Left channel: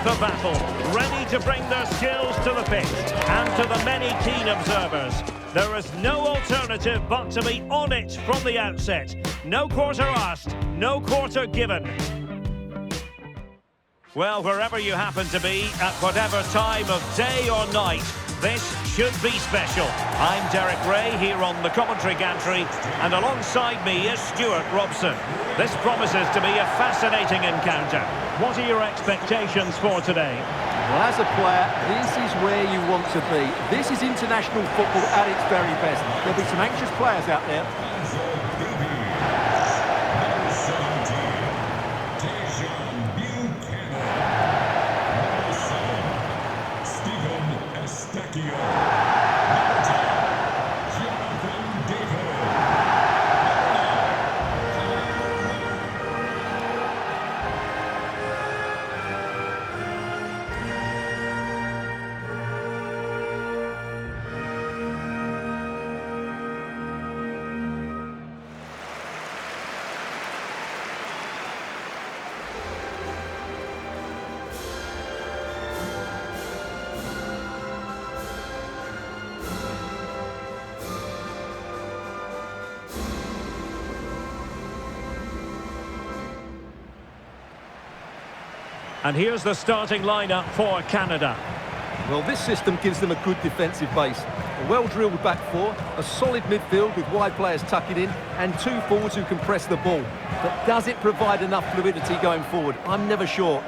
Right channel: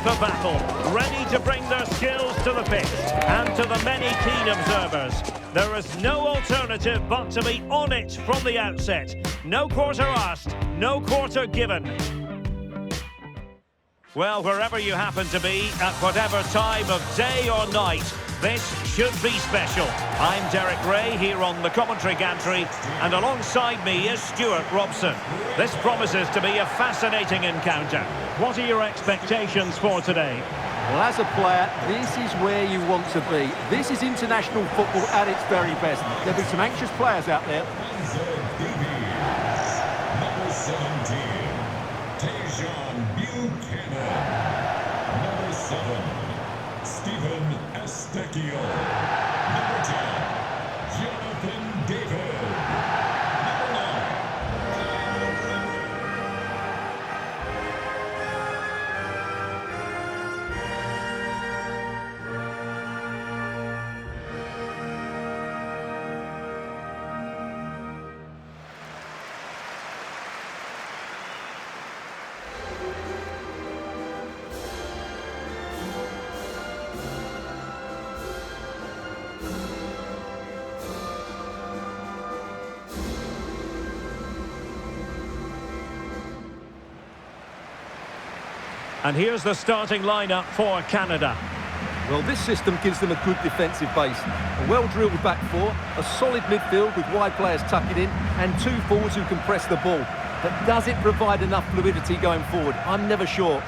FIFA battle, ready to bring their skills to the pitch. And to the many keen observers, there is no alternative but to be on it from the outset. No quarter asked, no quarter given. Well, wherever you happen to be, at whatever time of day or night, this should be special. I'm Derek Ray here on the commentary gantry, and alongside me is Stuart Robson. This promises to be a fascinating encounter. What are your expectations for today? Well, as a player, this is where you want to be. This is international football at its very best. There'll be some anxious players out there. Number 17, Number 7, Stephen Estechio. Number 10, Jonathan David. Number 9. And here's the starting lineup for Canada. Well, this system gives them a good defensive base. A well-drilled back four, a solid midfield with wide players tucking in, and two forwards who can press the ball. But does it provide enough fluidity going forward? I'm never sure.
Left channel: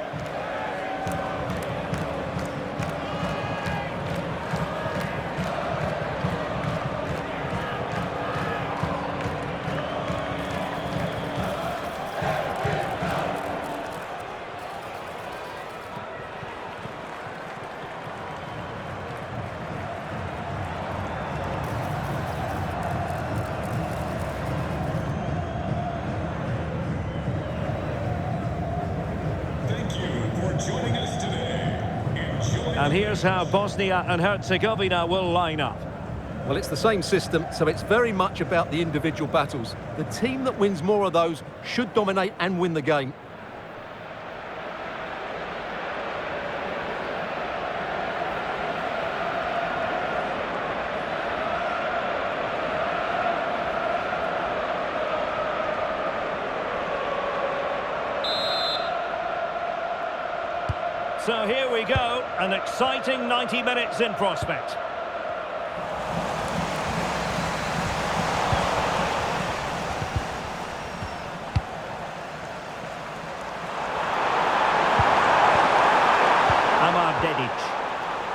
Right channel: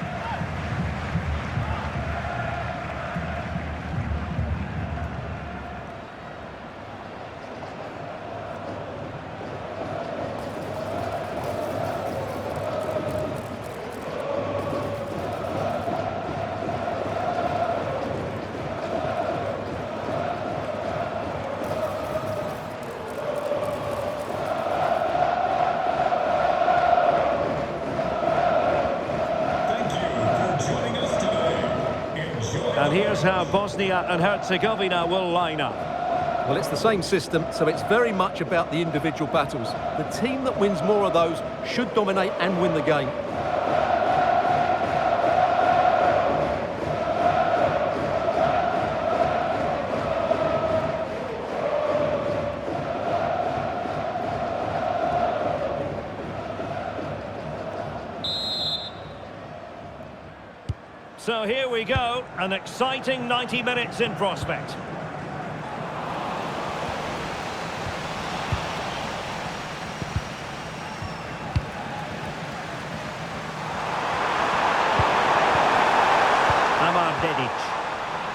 Joining us today. And here's how Bosnia and Herzegovina will line up. Well, it's the same system, so it's very much about the individual battles. The team that wins more of those should dominate and win the game. So here we go, an exciting 90 minutes in prospect.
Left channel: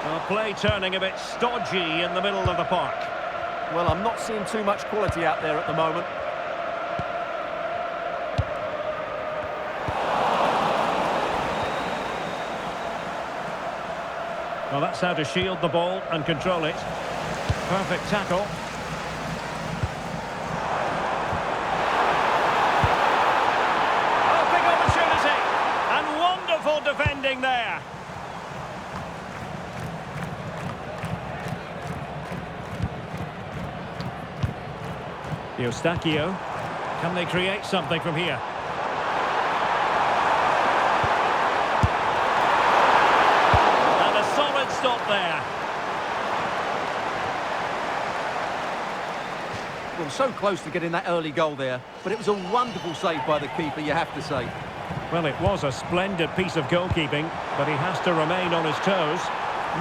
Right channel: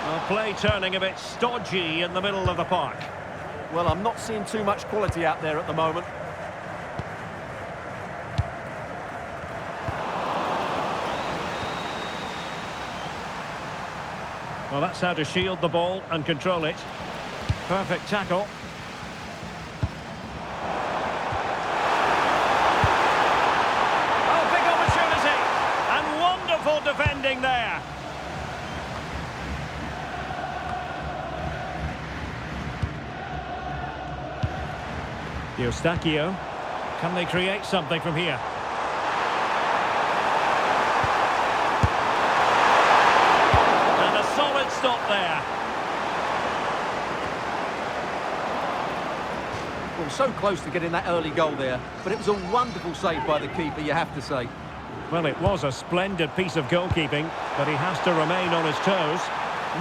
Well, play turning a bit stodgy in the middle of the park. Well, I'm not seeing too much quality out there at the moment. Well, that's how to shield the ball and control it. Perfect tackle. Oh, big opportunity! And wonderful defending there. Eustachio. Can they create something from here? Solid stop there. Well, so close to getting that early goal there, but it was a wonderful save by the keeper, you have to say. Well, it was a splendid piece of goalkeeping, but he has to remain on his toes.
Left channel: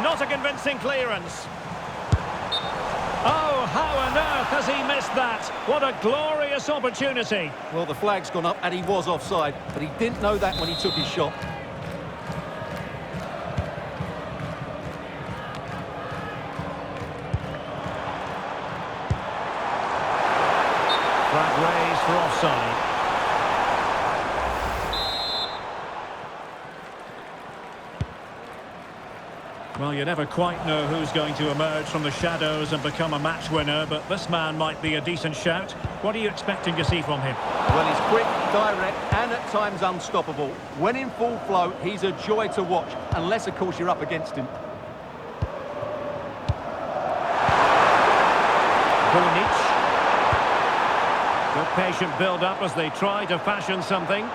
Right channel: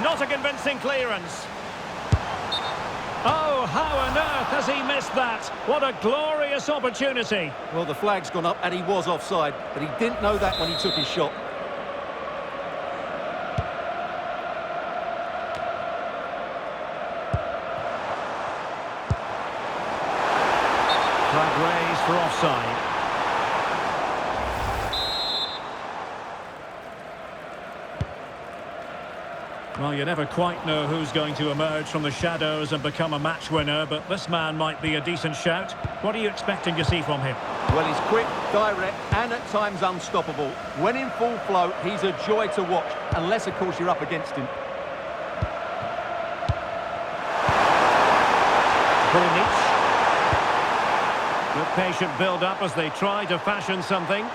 Not a convincing clearance. Oh, how on earth has he missed that? What a glorious opportunity. Well, the flag's gone up and he was offside, but he didn't know that when he took his shot. Flag raised for offside. Well, you never quite know who's going to emerge from the shadows and become a match winner, but this man might be a decent shout. What are you expecting to see from him? Well, he's quick, direct, and at times unstoppable. When in full flow, he's a joy to watch, unless, of course, you're up against him. Bonic. Good patient build-up as they try to fashion something.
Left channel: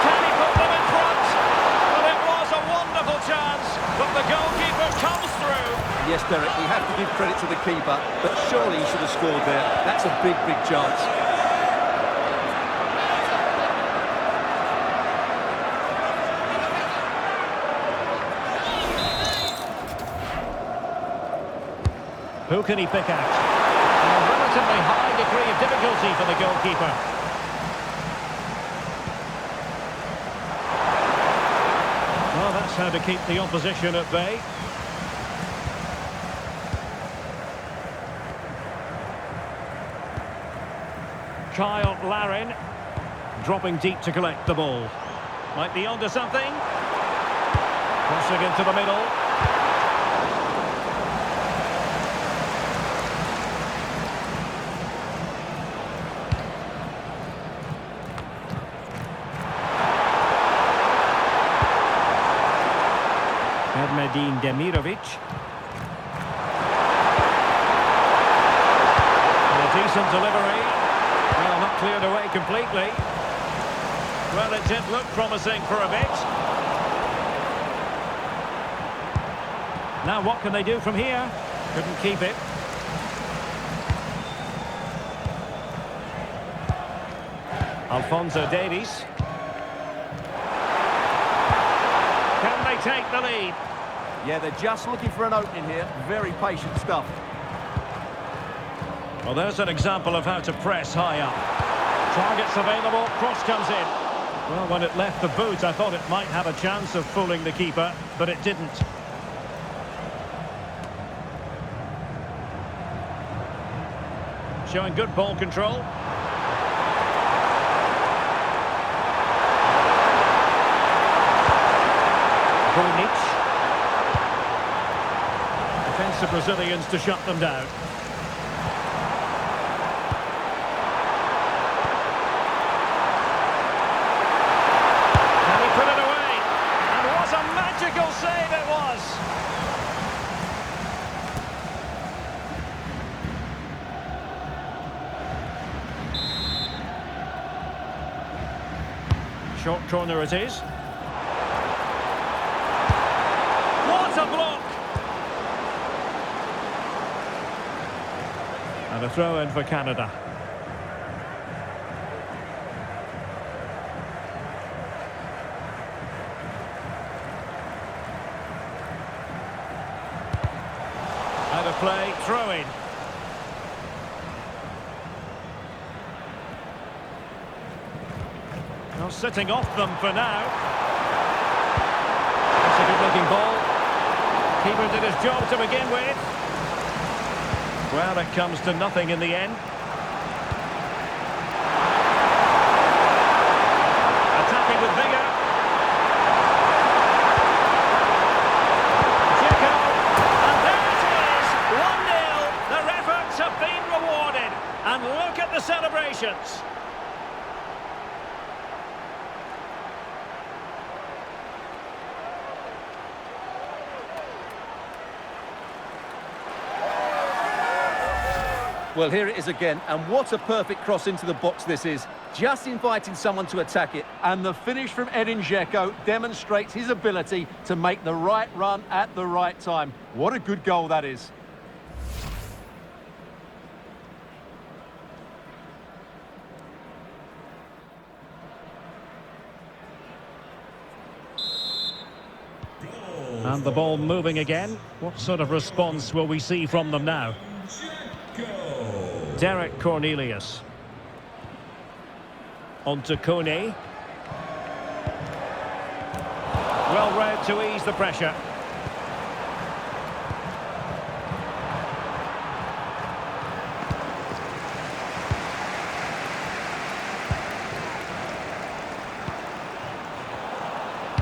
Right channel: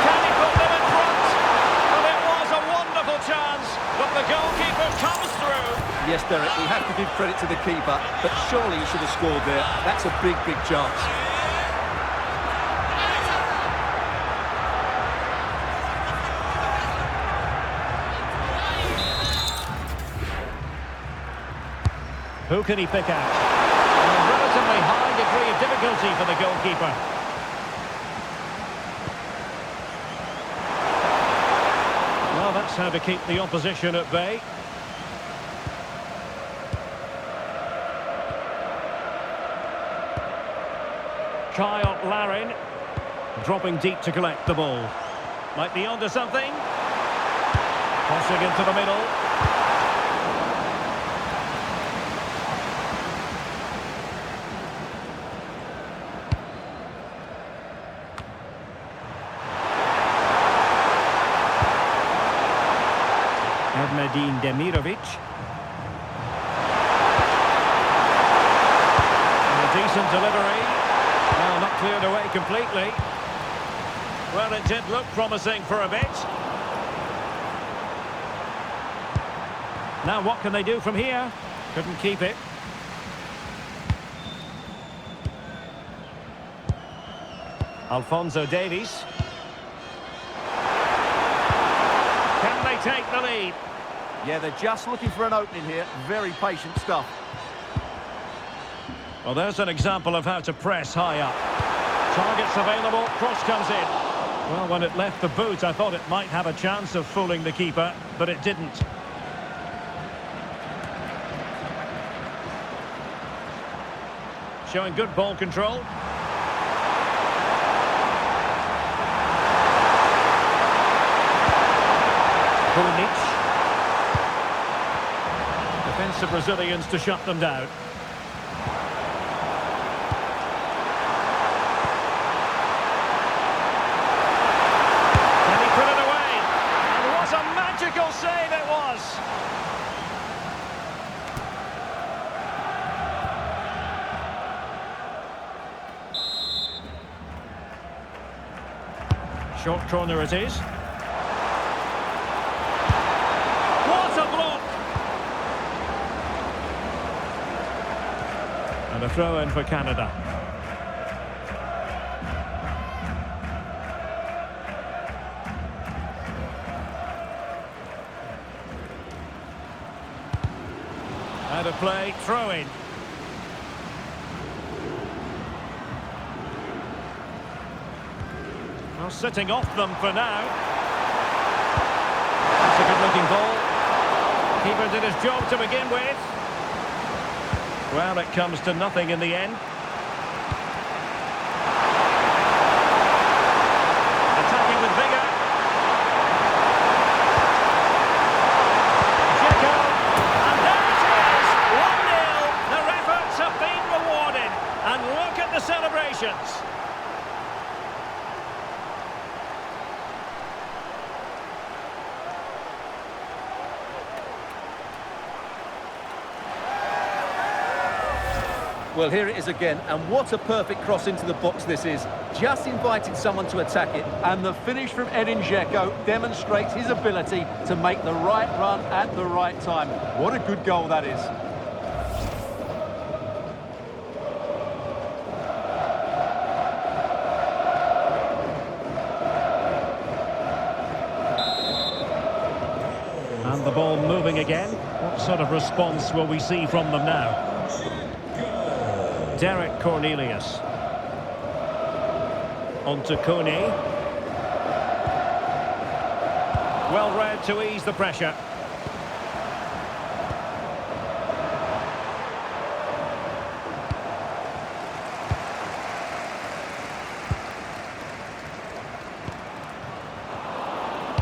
Can he put them in front? goalkeeper comes through. Yes, Derek, we have to give credit to the keeper, but surely he should have scored there. That's a big, big chance. Who can he pick out? A relatively high degree of difficulty for the goalkeeper. Well, that's how to keep the opposition at bay. Kyle Larin dropping deep to collect the ball. Might be onto something. Crossing into the middle. Medin Demirovic. And a decent delivery. Well, not cleared away completely. Well, it did look promising for a bit. Now what can they do from here? Couldn't keep it. Alphonso Davies. Can they take the lead? Yeah, they're just looking for an opening here. Very patient stuff. Well, there's an example of how to press high up. Targets available, cross comes in. Well, when it left the boot, I thought it might have a chance of fooling the keeper, but it didn't. Showing good ball control. Bunic. Defensive Brazilians to shut them down. Can he put it away? And what a magical save it was! Short corner it is. What a block! And a throw-in for Canada. Out of play, throw-in. Well, sitting off them for now. That's a good-looking ball. Keeper did his job to begin with. Well, it comes to nothing in the end. Attacking with vigour. Dzeko, and there it is, 1-0. Their efforts have been rewarded. And look at the celebrations. Well, here it is again, and what a perfect cross into the box this is. Just inviting someone to attack it, and the finish from Edin Dzeko demonstrates his ability to make the right run at the right time. What a good goal that is. And the ball moving again. What sort of response will we see from them now? Derek Cornelius. On to Kone. Well read to ease the pressure.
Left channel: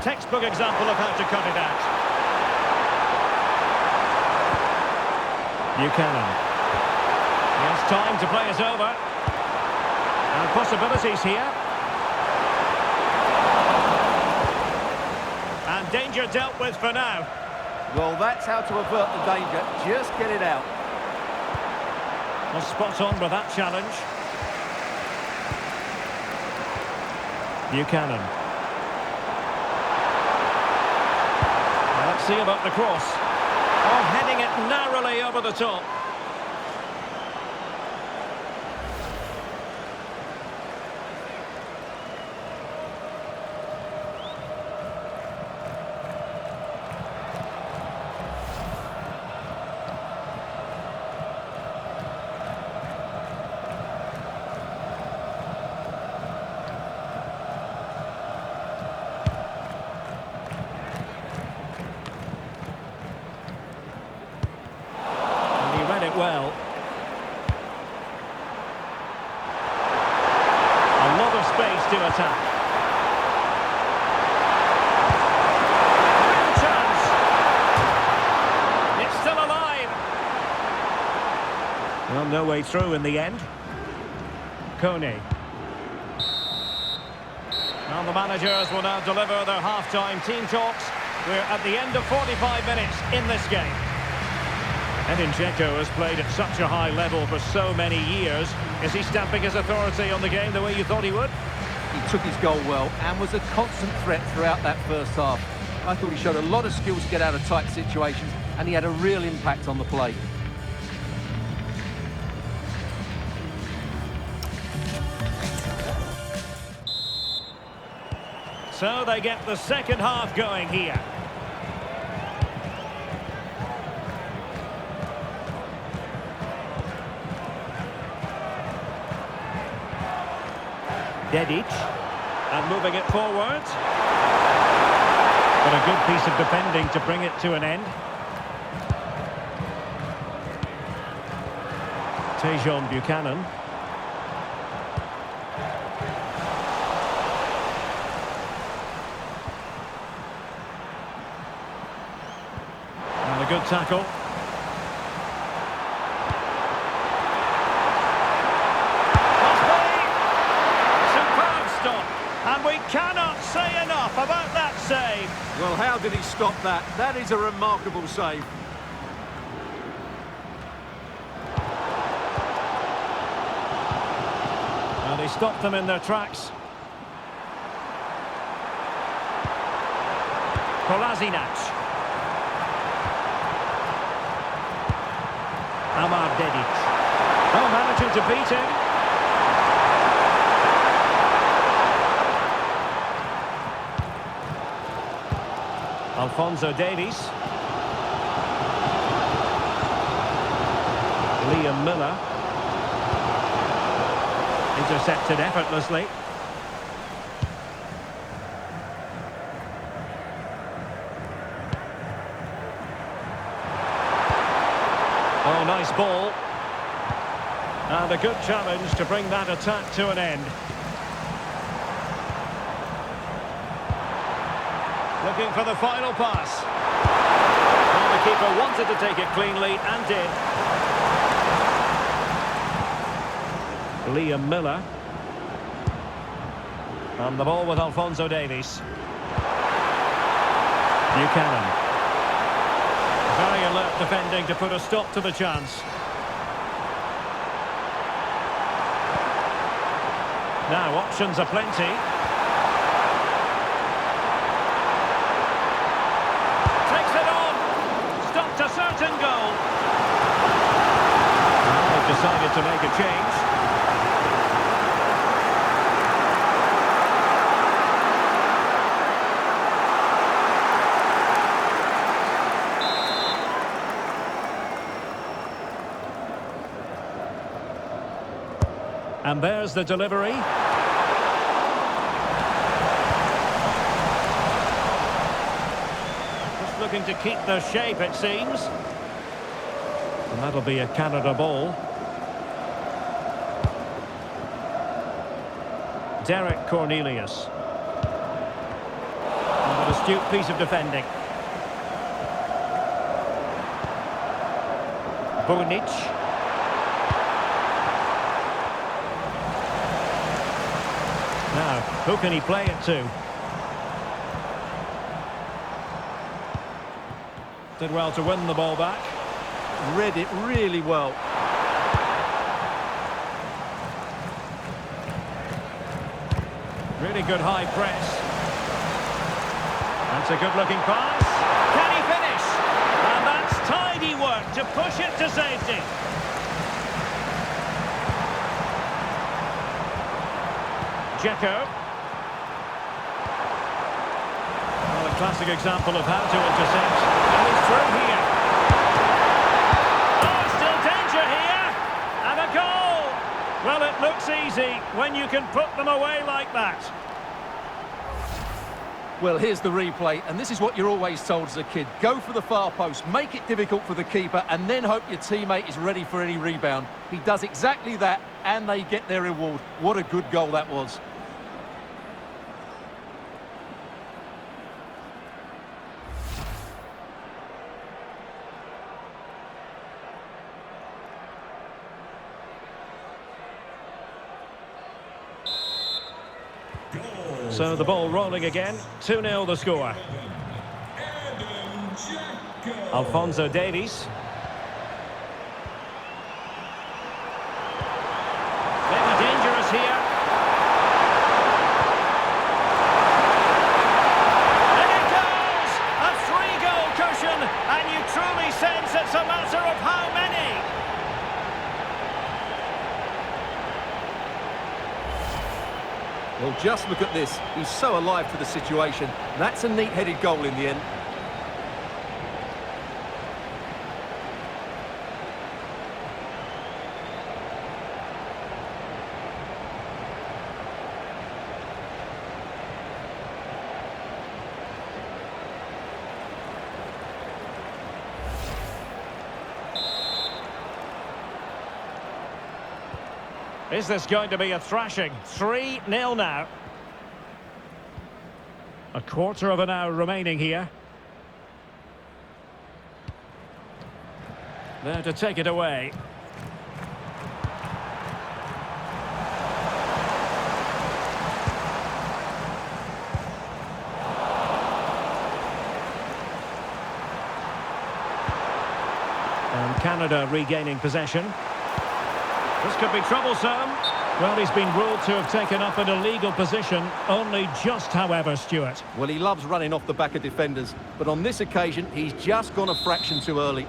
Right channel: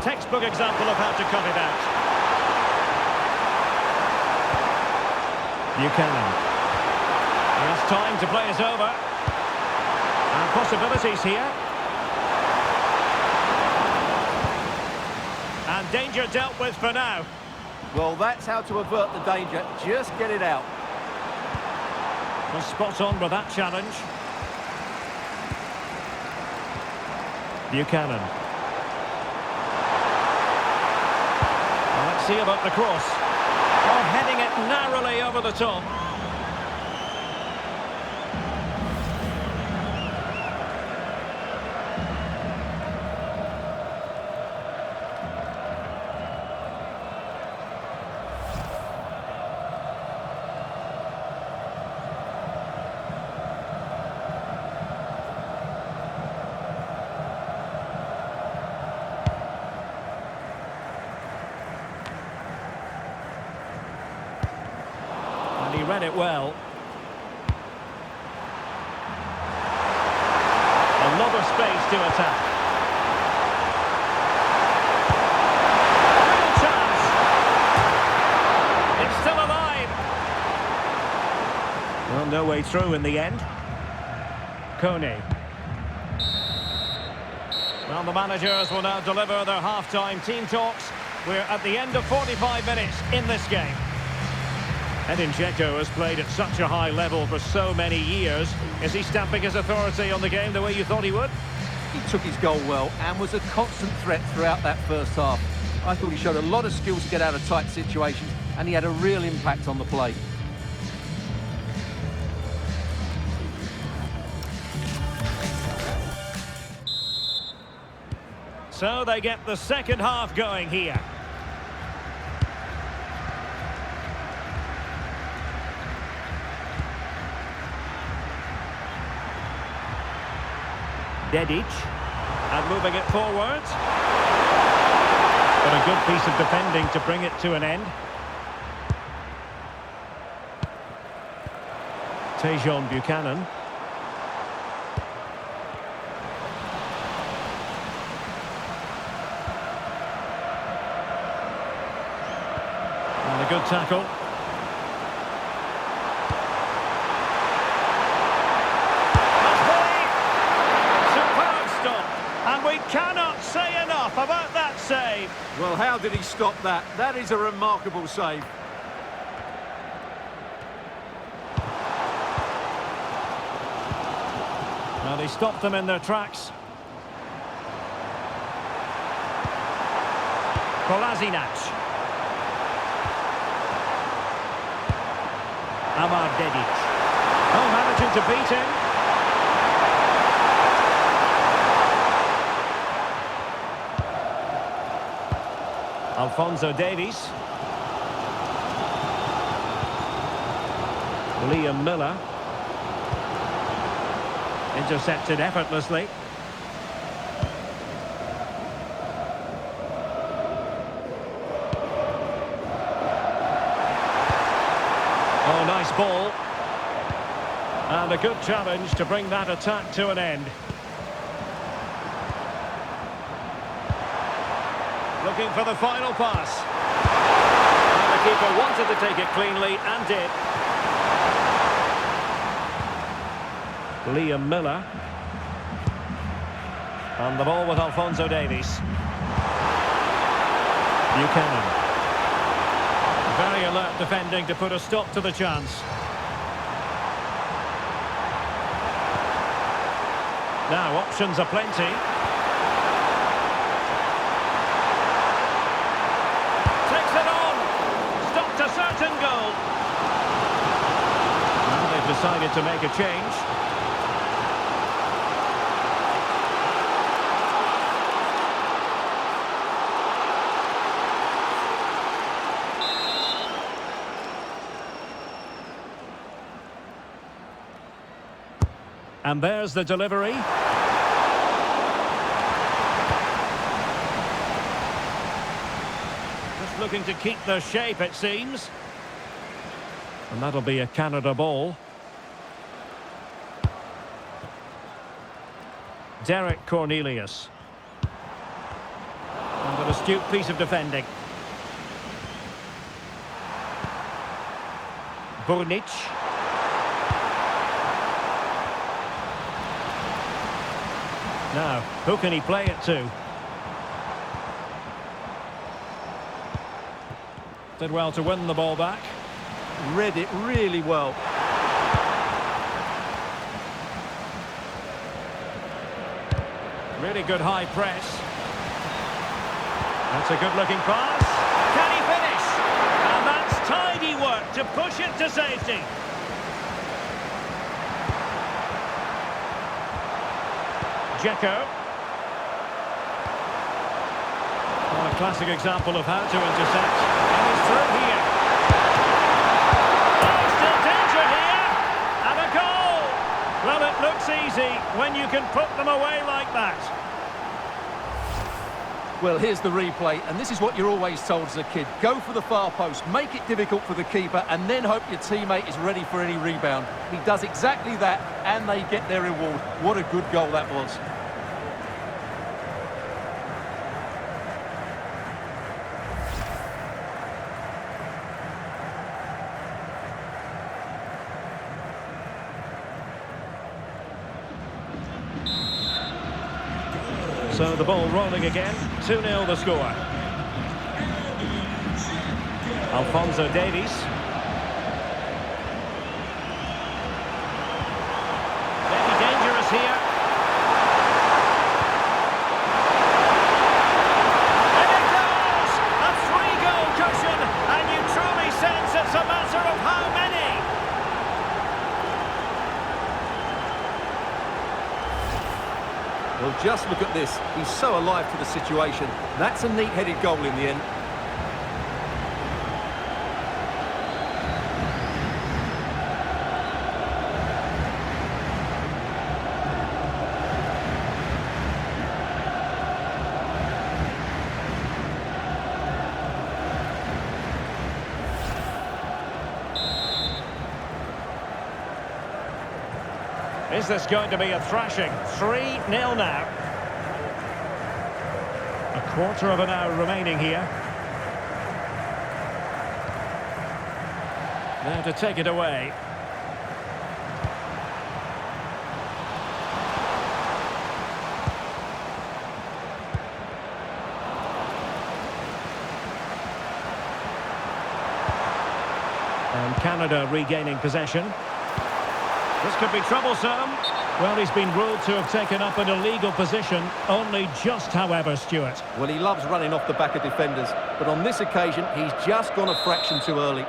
Textbook example of how to cut it out. Buchanan. He has time to play it over. And possibilities here. And danger dealt with for now. Well, that's how to avert the danger. Just get it out. Well, spot on with that challenge. Buchanan. Let's see about the cross. Oh, heading it narrowly over the top. He read it well. A lot of space to attack. Real chance. It's still alive. Well, no way through in the end. Kone. Well, the managers will now deliver their half-time team talks. We're at the end of 45 minutes in this game. Edin Dzeko has played at such a high level for so many years. Is he stamping his authority on the game the way you thought he would? He took his goal well and was a constant threat throughout that first half. I thought he showed a lot of skill to get out of tight situations, and he had a real impact on the play. So they get the second half going here. Dedic, and moving it forward. But a good piece of defending to bring it to an end. Tejon Buchanan. And a good tackle. And we cannot say enough about that save. Well, how did he stop that? That is a remarkable save. Well, they stopped them in their tracks. Kolasinac. Amar Dedic. Oh, managing to beat him. Alphonso Davies. Liam Miller. Intercepted effortlessly. Oh, nice ball. And a good challenge to bring that attack to an end. Looking for the final pass. Well, the keeper wanted to take it cleanly and did. Liam Miller. And the ball with Alphonso Davies. Buchanan. Very alert defending to put a stop to the chance. Now, options are plenty. Takes it on. Stopped a certain goal. Well, they've decided to make a change. And there's the delivery. Just looking to keep their shape, it seems. And that'll be a Canada ball. Derek Cornelius. And an astute piece of defending. Burnic. Now, who can he play it to? Did well to win the ball back. Read it really well. Really good high press. That's a good-looking pass. Can he work to push it to safety. Dzeko. Well, a classic example of how to intercept. And he's through here. Oh, still danger here. And a goal. Well, it looks easy when you can put them away like that. Well, here's the replay, and this is what you're always told as a kid. Go for the far post, make it difficult for the keeper, and then hope your teammate is ready for any rebound. He does exactly that, and they get their reward. What a good goal that was. So the ball rolling again, 2-0 the score. Alphonso Davies. Maybe dangerous here. And it goes! A 3-goal cushion, and you truly sense it's a matter of how many. Well, just look at this. He's so alive to the situation. That's a neat-headed goal in the end. Is this going to be a thrashing? 3-0 now. A quarter of an hour remaining here. Now to take it away. And Canada regaining possession. This could be troublesome. Well, he's been ruled to have taken up an illegal position, only just, however, Stuart. Well, he loves running off the back of defenders, but on this occasion, he's just gone a fraction too early.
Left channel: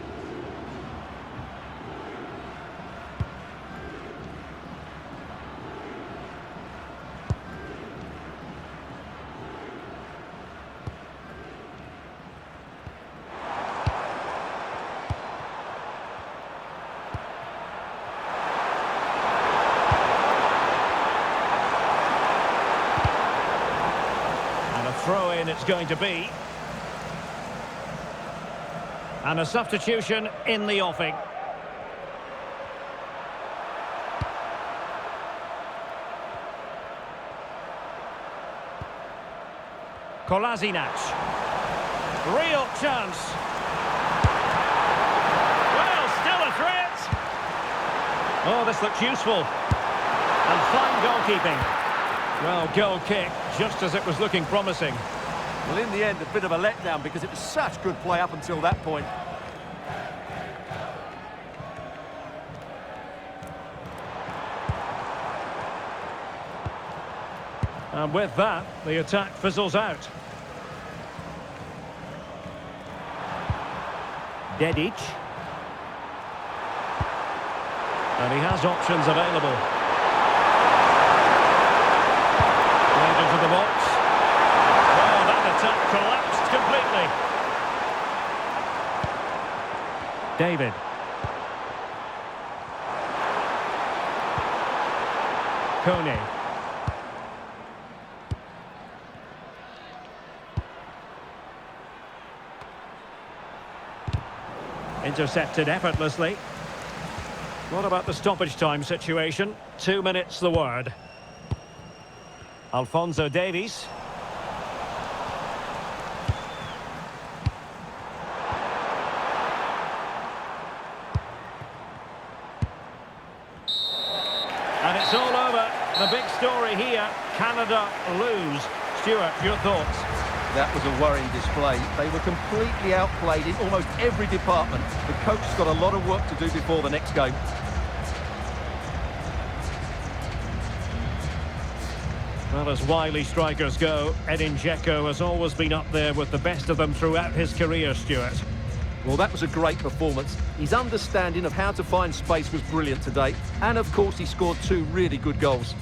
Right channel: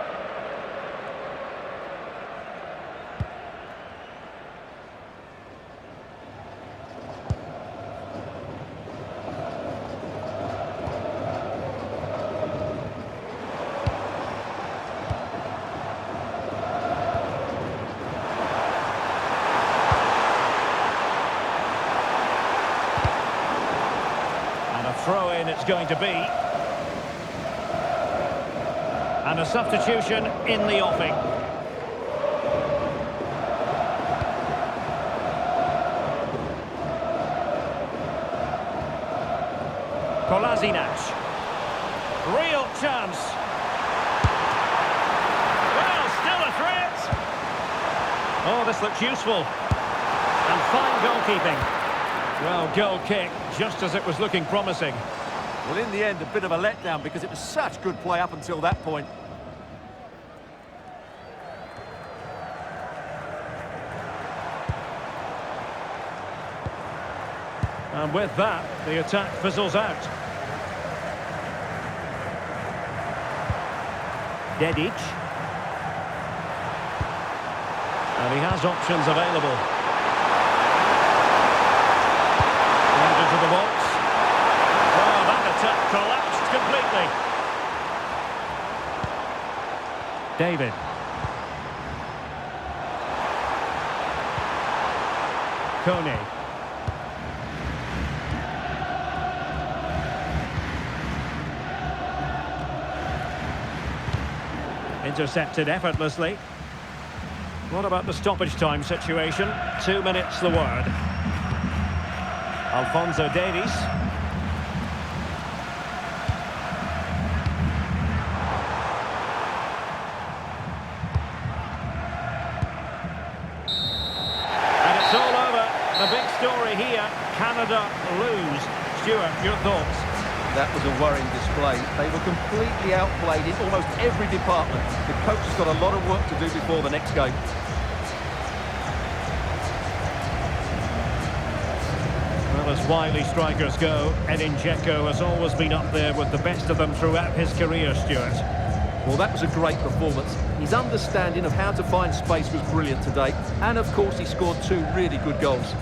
And a throw-in it's going to be. And a substitution in the offing. Kolasinac. Real chance. Well, still a threat. Oh, this looks useful. And fine goalkeeping. Well, goal kick, just as it was looking promising. Well, in the end, a bit of a letdown because it was such good play up until that point. And with that, the attack fizzles out. Dedic. And he has options available. Right into the box. Well, that attack collapsed completely. David. Kone. Intercepted effortlessly. What about the stoppage time situation? 2 minutes the word. Alphonso Davies. And it's all over. The big story here, Canada lose. Stuart, your thoughts? That was a worrying display. They were completely outplayed in almost every department. The coach has got a lot of work to do before the next game. Well, as wily strikers go, Edin Dzeko has always been up there with the best of them throughout his career, Stuart. Well, that was a great performance. His understanding of how to find space was brilliant today. And, of course, he scored two really good goals.